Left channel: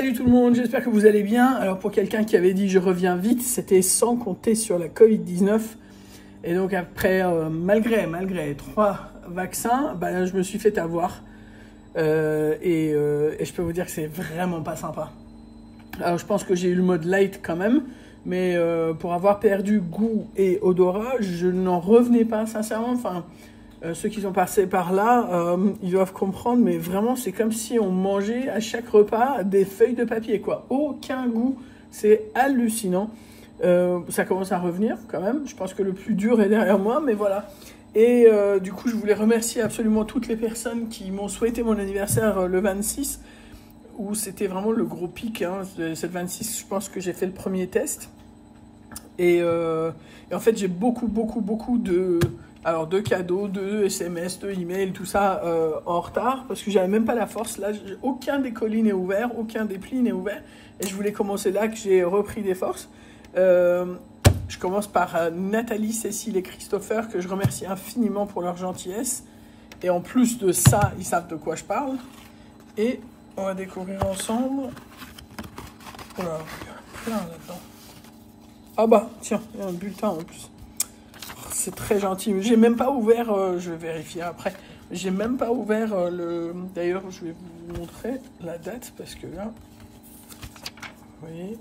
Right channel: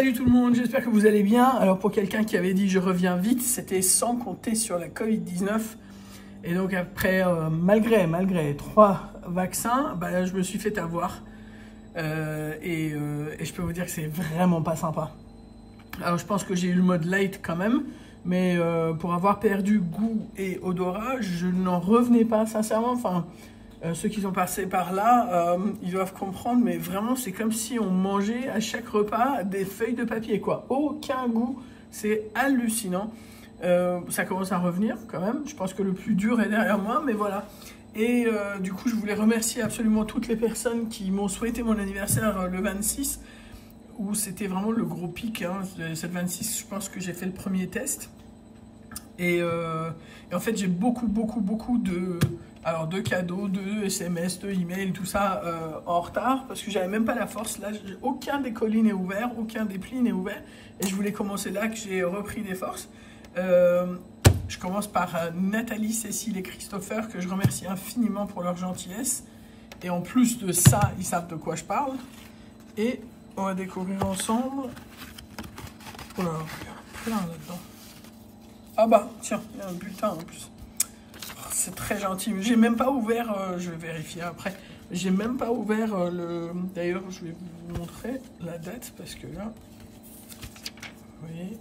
Salut tout le monde, j'espère que vous allez bien. Alors pour quelqu'un qui avait dit je reviens vite, c'était sans compter sur la Covid-19. Et donc après, malgré 3 vaccins, bah, je me suis fait avoir. Et je peux vous dire que c'est vraiment pas sympa. Alors je pense que j'ai eu le mode light quand même. Mais pour avoir perdu goût et odorat, je n'en revenais pas sincèrement. Enfin, ceux qui sont passés par là, ils doivent comprendre, mais vraiment, c'est comme si on mangeait à chaque repas des feuilles de papier, quoi. Aucun goût, c'est hallucinant. Ça commence à revenir quand même. Je pense que le plus dur est derrière moi, mais voilà. Et du coup, je voulais remercier absolument toutes les personnes qui m'ont souhaité mon anniversaire le 26, où c'était vraiment le gros pic. Hein. Cette 26, je pense que j'ai fait le premier test. Et en fait, j'ai beaucoup de cadeaux, de SMS, de emails, tout ça en retard, parce que j'avais même pas la force. Là, aucun des colis n'est ouvert, aucun des plis n'est ouvert. Et je voulais commencer là, que j'ai repris des forces. Je commence par Nathalie, Cécile et Christopher, que je remercie infiniment pour leur gentillesse. Et en plus de ça, ils savent de quoi je parle. Et on va découvrir ensemble. Oh là, il y a plein là-dedans. Ah bah, tiens, il y a un bulletin en plus. C'est très gentil. J'ai même pas ouvert, je vais vérifier après. J'ai même pas ouvert le... D'ailleurs, je vais vous montrer la date parce que là, vous voyez,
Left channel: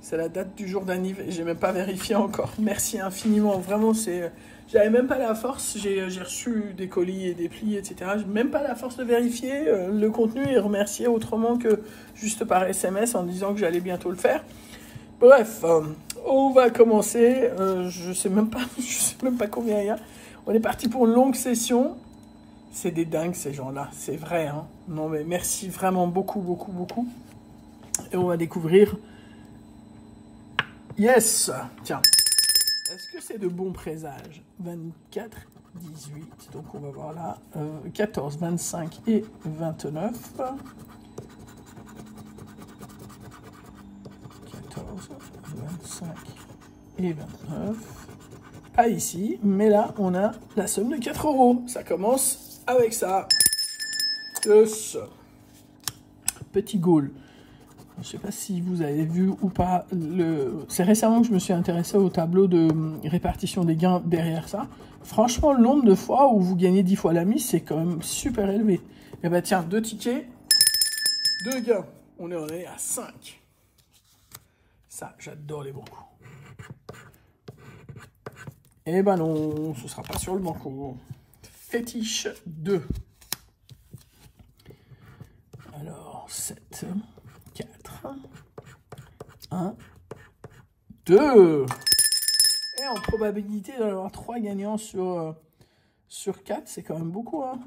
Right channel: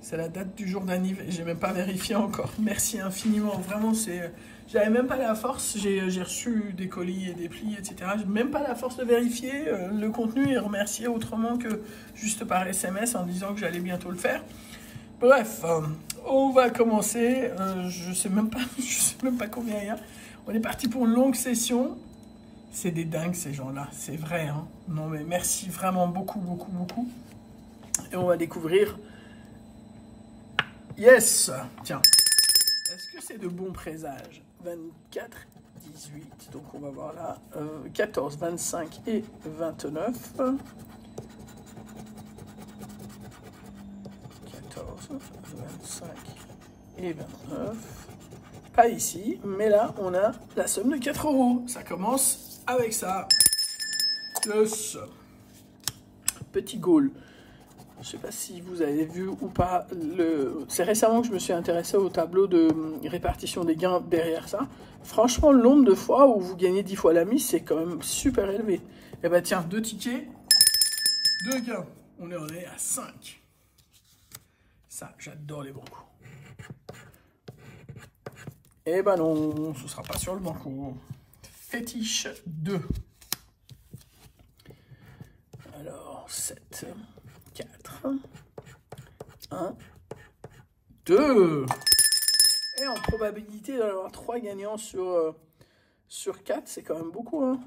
c'est la date du jour d'anniversaire. J'ai même pas vérifié encore. Merci infiniment. Vraiment, c'est... J'avais même pas la force. J'ai reçu des colis et des plis, etc. J'ai même pas la force de vérifier le contenu et remercier autrement que juste par SMS en disant que j'allais bientôt le faire. Bref, on va commencer. Je sais même pas combien il y a. On est parti pour une longue session. C'est des dingues ces gens-là, c'est vrai. Hein. Non mais merci vraiment beaucoup. Et on va découvrir. Yes. Tiens. Est-ce que c'est de bons présages? 24, 18. Donc on va voir là. 14, 25 et 29. 25 et 29. Pas ici, mais là, on a la somme de 4 €. Ça commence avec ça. Yes. Petit goal. Je ne sais pas si vous avez vu ou pas. C'est récemment que je me suis intéressé au tableau de répartition des gains derrière ça. Franchement, le nombre de fois où vous gagnez 10 fois la mise, c'est quand même super élevé. Et bah tiens, 2 tickets, 2 gains. On est à 5. Ça, j'adore les bancos. Eh ben non, ce sera pas sur le banco. Fétiche 2. Alors, 7, 4, 1, 2. Et en probabilité d'en avoir 3 gagnants sur 4, c'est quand même beaucoup. Hein.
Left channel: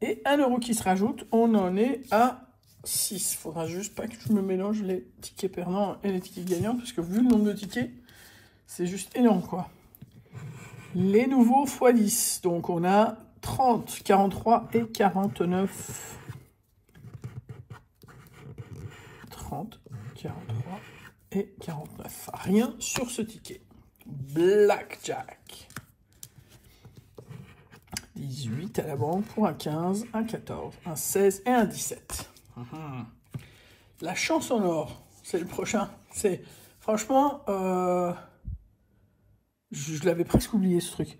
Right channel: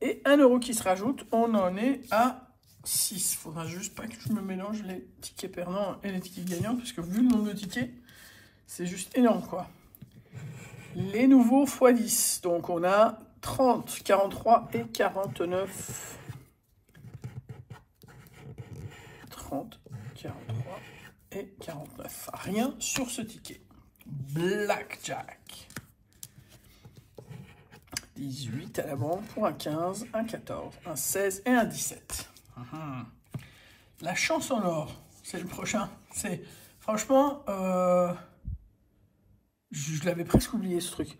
Et 1 € qui se rajoute, on en est à 6. Faudra juste pas que je me mélange les tickets perdants et les tickets gagnants, parce que vu le nombre de tickets, c'est juste énorme, quoi. Les nouveaux x 10. Donc, on a 30, 43 et 49. 30, 43 et 49. Rien sur ce ticket. Blackjack. 18 à la banque pour un 15, un 14, un 16 et un 17. La chance en or, c'est le prochain. C'est franchement, je l'avais presque oublié ce truc.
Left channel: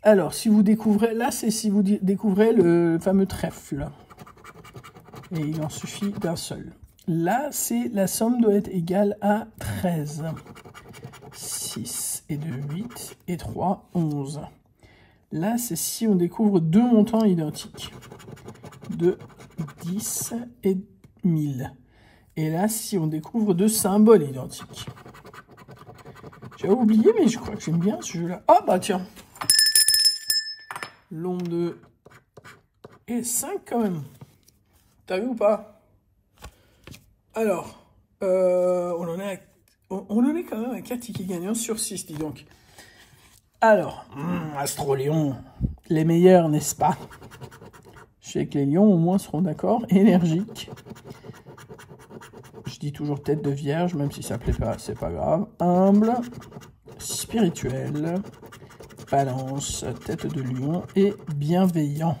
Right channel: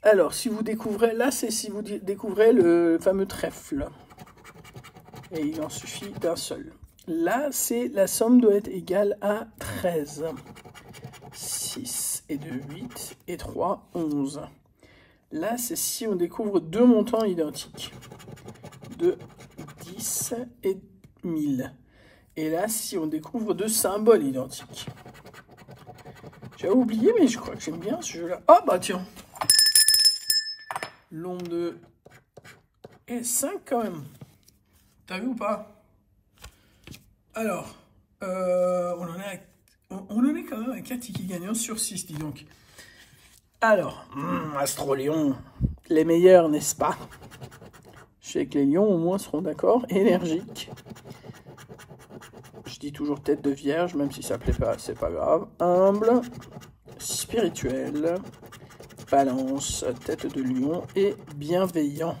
Alors, si vous découvrez, là, c'est si vous découvrez le fameux trèfle. Et il en suffit d'un seul. Là, c'est la somme doit être égale à 13. 6 et 2, 8 et 3, 11. Là, c'est si on découvre 2 montants identiques. De 10 et 1000. Et là, si on découvre 2 symboles identiques. J'avais oublié, mais je crois que j'aime bien ce jeu-là. Ah, bah tiens. L'ombre de... Et 5 quand même. T'as vu ou pas? Alors, on en est quand même à 4 tickets gagnants sur 6, dis donc. Alors, Astro-Lion, les meilleurs, n'est-ce pas? Je sais que les lions, au moins, seront d'accord. Énergique. Je dis toujours tête de vierge, même si ça plaît pas, c'est pas grave. Humble. Spirituel. Balance. Tête de lion. Et bienveillant.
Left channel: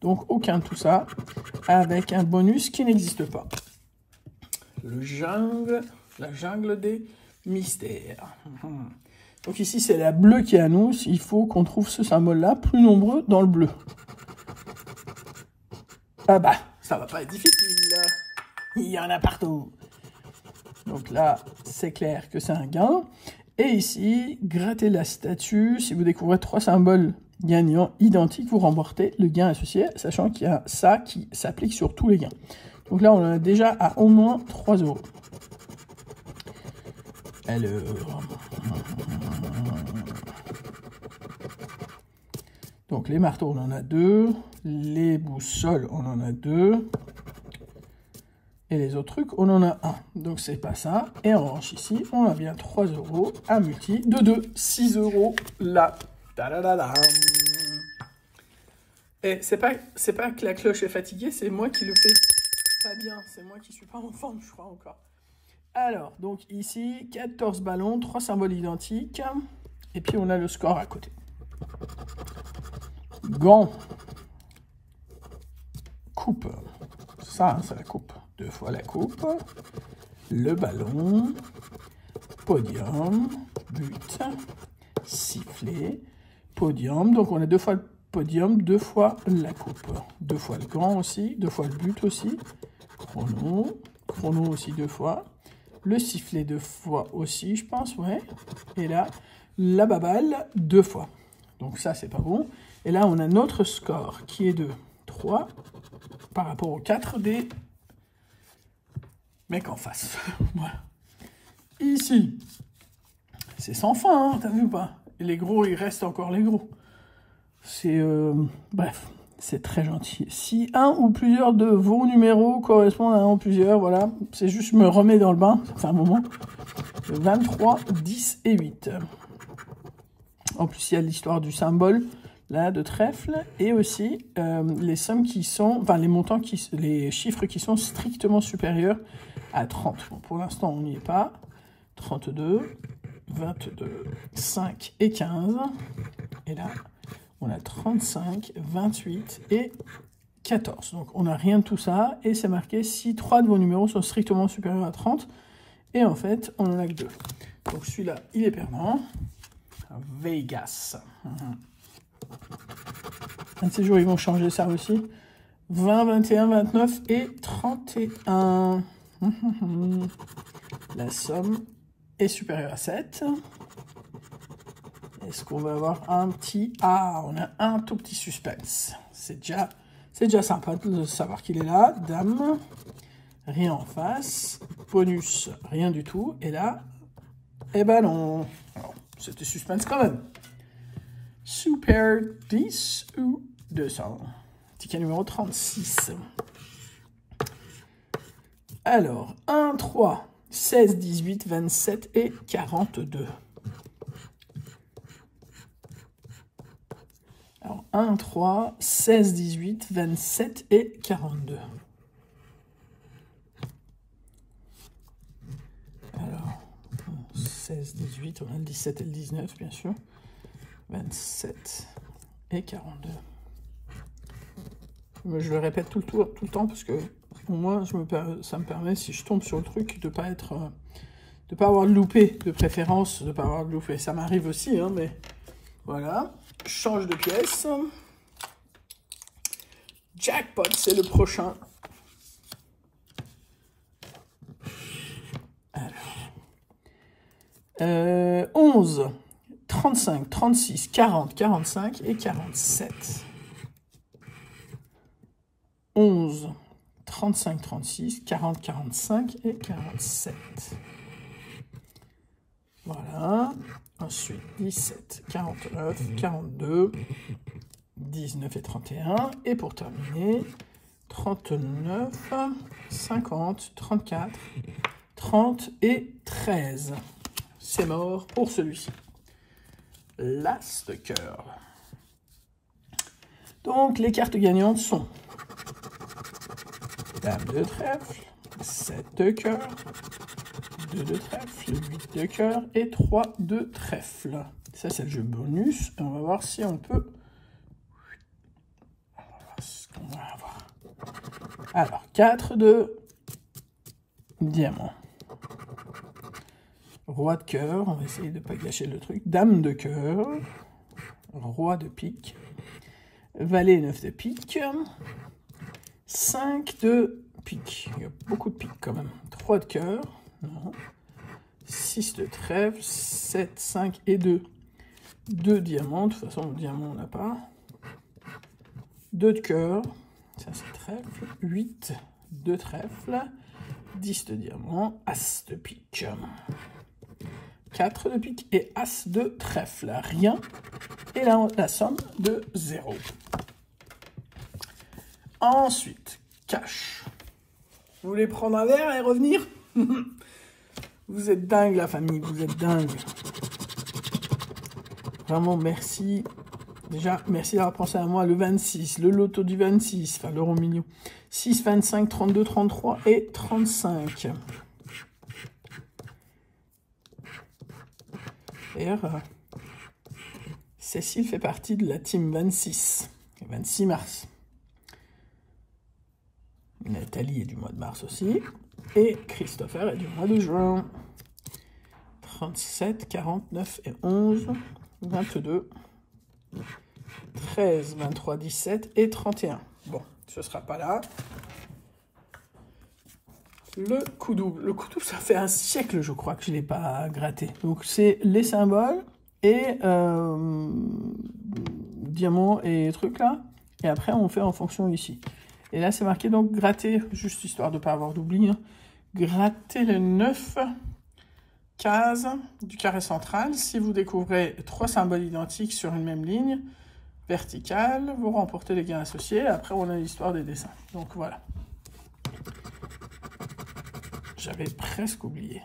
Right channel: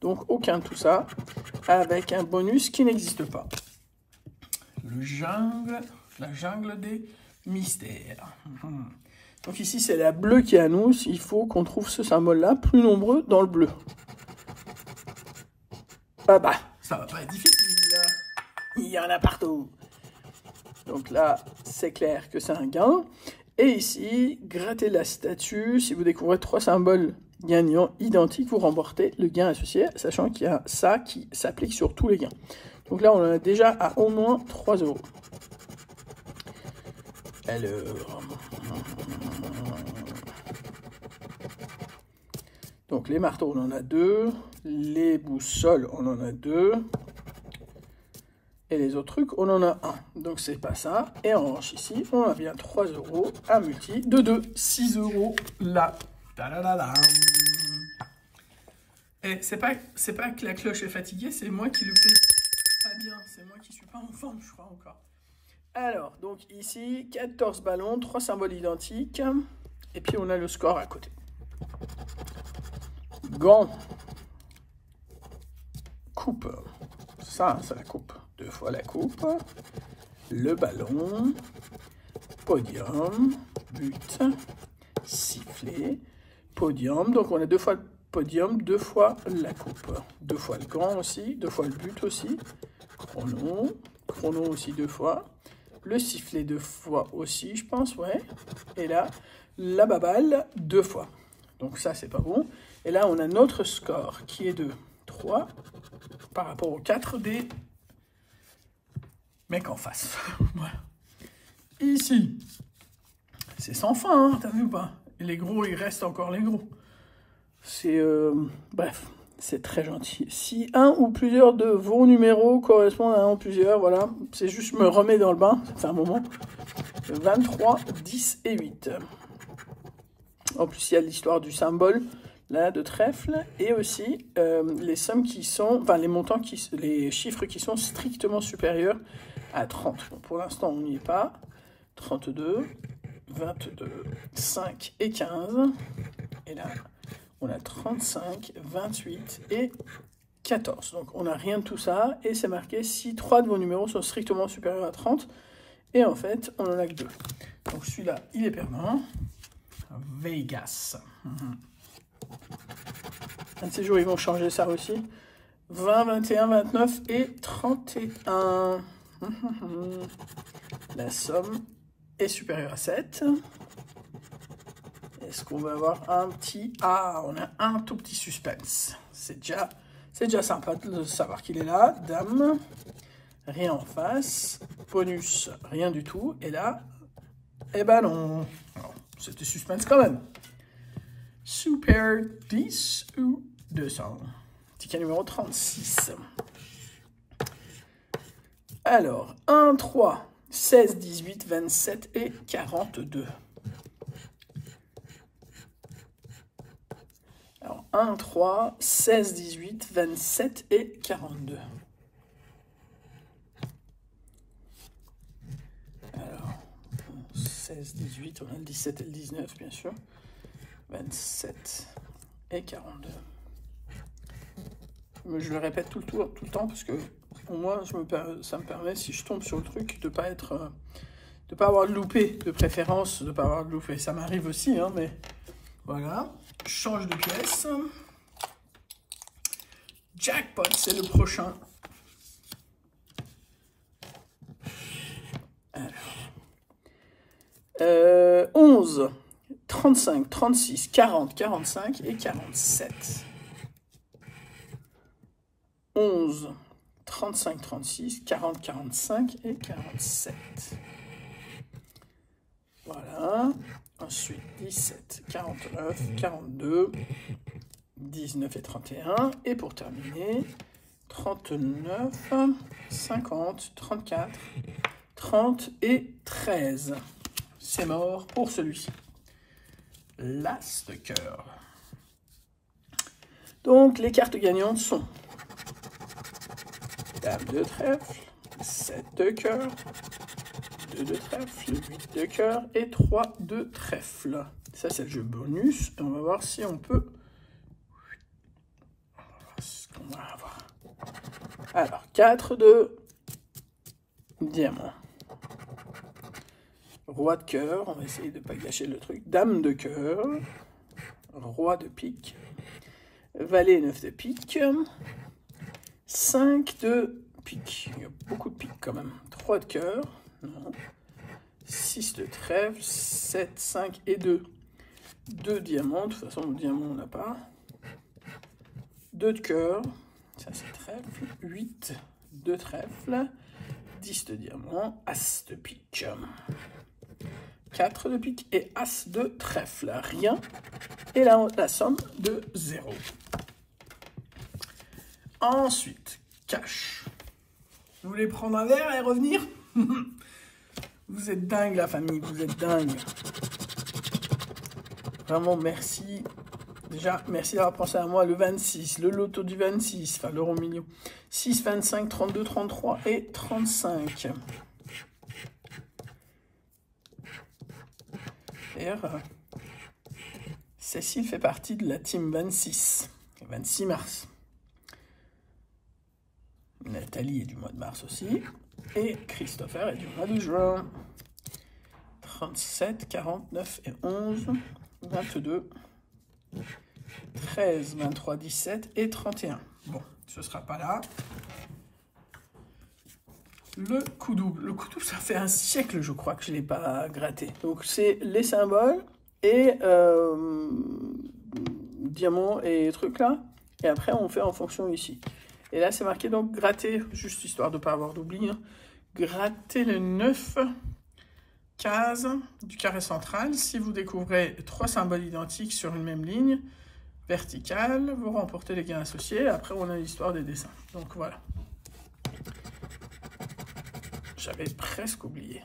Donc, aucun de tout ça. Avec un bonus qui n'existe pas. la jungle des mystères. Donc ici, c'est la bleue qui annonce. Il faut qu'on trouve ce symbole-là plus nombreux dans le bleu. Ah bah, ça va pas être difficile. Il y en a partout. Donc là, c'est clair que c'est un gain. Et ici, grattez la statue. Si vous découvrez 3 symboles gagnants identiques, vous remportez le gain associé, sachant qu'il y a ça qui s'applique sur tous les gains. Donc là, on en a déjà à au moins 3 €. Alors... Donc les marteaux, on en a 2. Les boussoles, on en a 2. Et les autres trucs, on en a 1. Donc c'est pas ça. Et en revanche ici, on a bien 3 € à multi de 2. 6 € là. Ta-da-da-da. Et c'est pas que la cloche est fatiguée, c'est moi qui le fais pas bien. C'est moi qui suis pas en forme, je crois encore. Alors, donc ici, 14 ballons, 3 symboles identiques. Et puis on a le score à côté. Gants. Coupe. Ça, c'est la coupe. 2 fois la coupe. Le ballon. Podium. But. Sifflet. Podium. Donc on a 2 fois le podium, 2 fois la coupe. 2 fois le gant aussi. 2 fois le but aussi. Chrono. Chrono aussi 2 fois. Le sifflet 2 fois aussi, je pense, ouais. Et là, la baballe 2 fois. Donc ça, c'est pas bon. Et là, on a notre score qui est de 3 par rapport aux 4 des mecs en face. Voilà. Ici, c'est sans fin, hein, t'as vu ou pas? Et les gros, il reste encore les gros. C'est... bref, c'est très gentil. Si un ou plusieurs de vos numéros correspondent à un ou plusieurs, voilà, c'est juste me remettre dans le bain, ça fait un moment. 23, 10 et 8. En plus, il y a l'histoire du symbole, là, de trèfle, et aussi les sommes qui sont, enfin, les montants, les chiffres qui sont strictement supérieurs à 30. Bon, pour l'instant, on n'y est pas. 32, 22, 5 et 15. Et là, on a 35, 28 et 14. Donc, on n'a rien de tout ça. Et c'est marqué si 3 de vos numéros sont strictement supérieurs à 30. Et en fait, on n'en a que 2. Donc, celui-là, il est permanent. Vegas. Un de ces jours, ils vont changer ça aussi. 20, 21, 29 et 31. La somme est supérieure à 7. Est-ce qu'on va avoir un petit... Ah, on a un tout petit suspense. C'est déjà sympa de savoir qu'il est là. Dame, rien en face. Bonus, rien du tout. Et là, eh ben non. C'était suspense quand même. Super 10 ou 200. Ticket numéro 36. Alors, 1, 3, 16, 18, 27 et 42. Alors, 1, 3, 16, 18, 27 et 42. Alors, 16, 18, on a le 17 et le 19, bien sûr. 27 et 42. Mais je le répète tout le temps parce que pour moi, ça me permet, si je tombe sur le truc, de pas avoir loupé, de préférence, de pas avoir loupé. Ça m'arrive aussi, hein, mais voilà. Je change de pièce. Jackpot, c'est le prochain. Alors. 11, 35, 36, 40, 45 et 47. 11, 35, 36, 40, 45 et 47. Voilà. Ensuite, 17, 49, 42, 19 et 31. Et pour terminer, 39, 50, 34, 30 et 13. C'est mort pour celui-ci. L'as de cœur. Donc, les cartes gagnantes sont Dame de trèfle, 7 de cœur, 2 de trèfle, 8 de cœur et 3 de trèfle. Ça, c'est le jeu bonus. Et on va voir si on peut... On va voir ce qu'on va avoir. Alors, 4 de diamant. Roi de cœur, on va essayer de ne pas gâcher le truc. Dame de cœur, roi de pique, valet 9 de pique, 5 de pique. Il y a beaucoup de pique quand même. 3 de cœur, non. 6 de trèfle, 7, 5 et 2. 2 diamants, de toute façon le diamant on n'a pas. 2 de cœur, ça c'est trèfle. 8 de trèfle, 10 de diamant, as de pique. 4 de pique et as de trèfle. Rien. Et là, la somme de 0. Ensuite, cash. Vous voulez prendre un verre et revenir? Vous êtes dingue, la famille. Vous êtes dingue. Vraiment, merci. Déjà, merci d'avoir pensé à moi. Le 26, le loto du 26, enfin l'euro million. 6, 25, 32, 33 et 35. D'ailleurs, Cécile fait partie de la team 26, le 26 mars. Nathalie est du mois de mars aussi. Et Christopher est du mois de juin. 37, 49 et 11, 22, 13, 23, 17 et 31. Bon, ce ne sera pas là. Le coup double. Le coup double, ça fait un siècle, je crois, que je ne l'ai pas gratté. Donc, c'est les symboles et diamants et trucs là. Et après, on fait en fonction ici. Et là, c'est marqué donc gratter, juste histoire de ne pas avoir d'oubli. Hein. Gratter les 9 cases du carré central. Si vous découvrez 3 symboles identiques sur une même ligne verticale, vous remportez les gains associés. Après, on a l'histoire des dessins. Donc, voilà. J'avais presque oublié.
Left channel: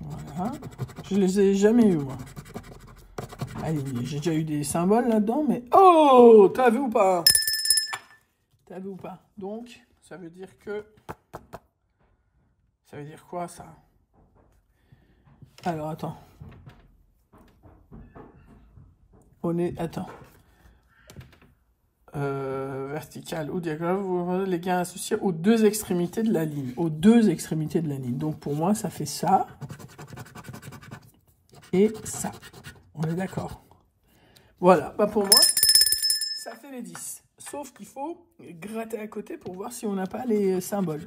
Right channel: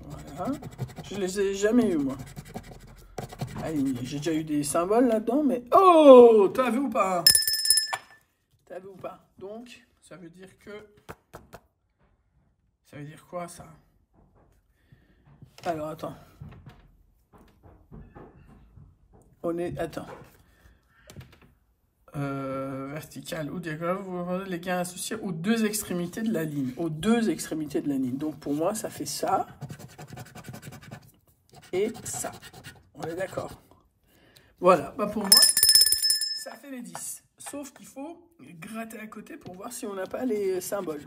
Voilà. Je les ai jamais eu, moi. J'ai déjà eu des symboles là-dedans, mais... Oh! T'as vu ou pas? T'as vu ou pas? Donc, ça veut dire que... Ça veut dire quoi, ça? Alors, attends. On est... Attends. Vertical ou diagonale, vous voyez les gains associés aux 2 extrémités de la ligne. Aux 2 extrémités de la ligne. Donc, pour moi, ça fait ça. Et ça. On est d'accord. Voilà. Bah, pour moi, ça fait les 10. Sauf qu'il faut gratter à côté pour voir si on n'a pas les symboles.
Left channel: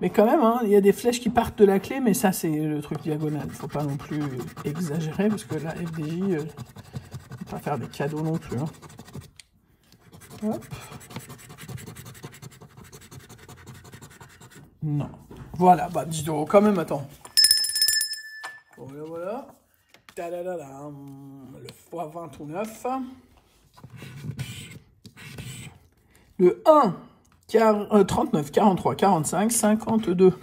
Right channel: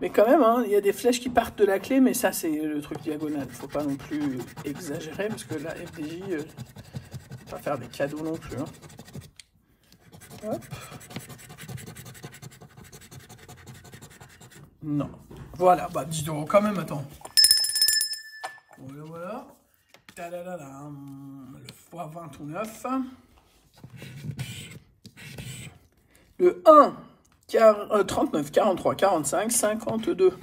Mais quand même, hein, il y a des flèches qui partent de la clé, mais ça, c'est le truc diagonal. Il ne faut pas non plus exagérer, parce que la FDJ, ne pas faire des cadeaux non plus. Hein. Hop. Non. Voilà, bah dis donc, quand même, attends. Voilà, voilà. Le x29. Le 1, 39, 43, 45, 52.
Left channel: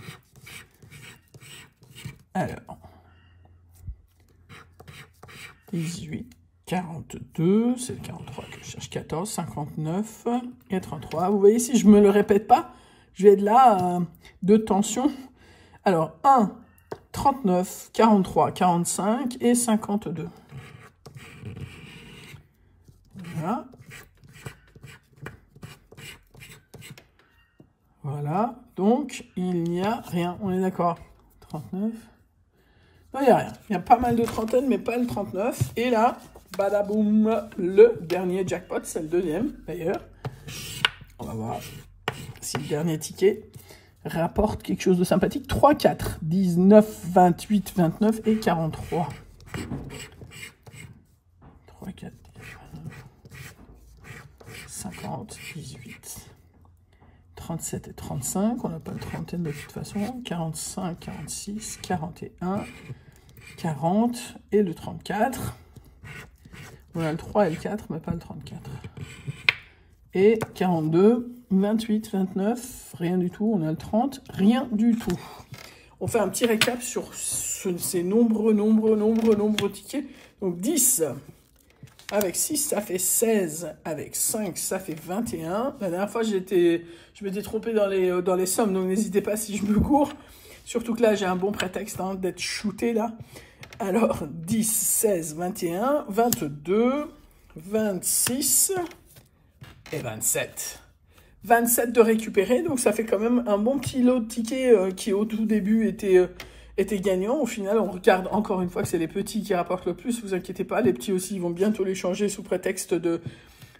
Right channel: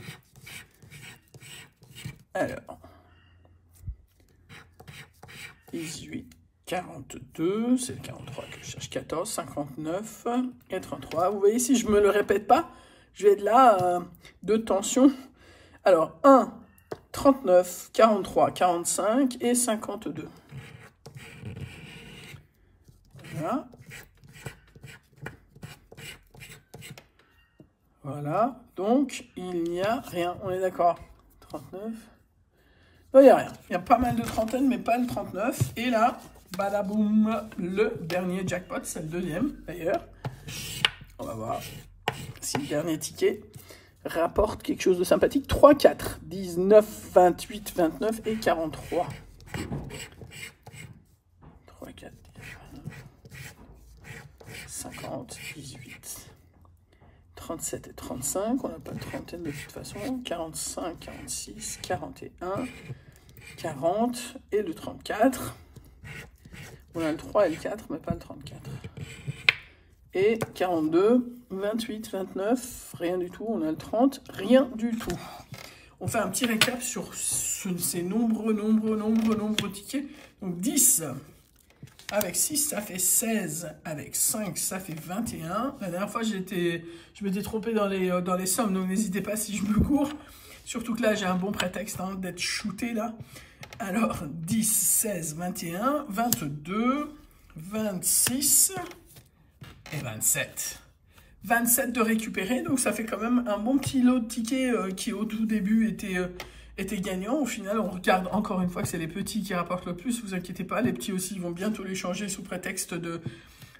Alors. 18, 42, c'est le 43 que je cherche, 14, 59 et 33. Vous voyez, si je ne me le répète pas, je vais être là de tension. Alors, 1, 39, 43, 45 et 52. Voilà. Voilà. Donc, il n'y a rien. On est d'accord. 39. Non, il n'y a rien. Il y a pas mal de trentaines, mais pas le 39. Et là, badaboum, le dernier jackpot, c'est le deuxième, d'ailleurs. On va voir si le dernier ticket rapporte quelque chose de sympathique. 3, 4, 19, 28, 29 et 43. 3, 4, 50, 18, 37 et 35. On n'a pas le trentaine de toute façon. 45, 46, 41, 40 et le 34. On a le 3 et le 4, mais pas le 34. Et 42, 28, 29, rien du tout. On a le 30, rien du tout. On fait un petit récap sur ces nombreux tickets. Donc 10 avec 6, ça fait 16. Avec 5, ça fait 21. La dernière fois, je m'étais trompé dans les sommes, donc n'hésitez pas si je me cours. Surtout que là, j'ai un bon prétexte hein, d'être shooté là. Alors, 10, 16, 21, 22, 26 et 27. 27 de récupérer, donc ça fait quand même un bon petit lot de tickets qui au tout début étaient gagnants. Au final, on regarde encore une fois que c'est les petits qui rapportent le plus, vous inquiétez pas, les petits aussi, ils vont bientôt les changer sous prétexte de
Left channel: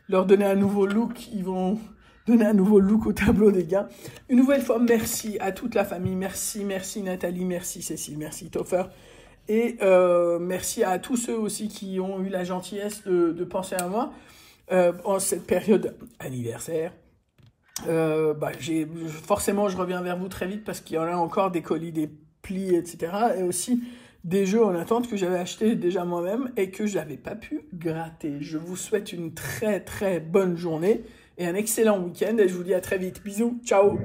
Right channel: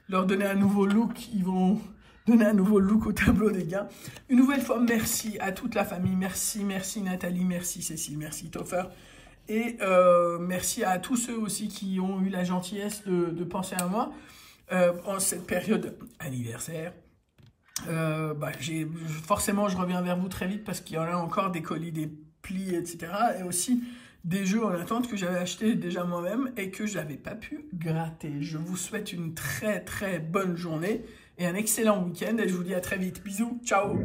leur donner un nouveau look, ils vont donner un nouveau look au tableau des gains. Une nouvelle fois, merci à toute la famille, merci Nathalie, merci Cécile, merci Toffer, et merci à tous ceux aussi qui ont eu la gentillesse de penser à moi en cette période anniversaire. Forcément, je reviens vers vous très vite parce qu'il y en a encore des colis, des plis, etc. Et aussi des jeux en attente que j'avais achetés déjà moi-même et que je n'avais pas pu gratter. Je vous souhaite une très très bonne journée et un excellent week-end et je vous dis à très vite. Bisous, ciao!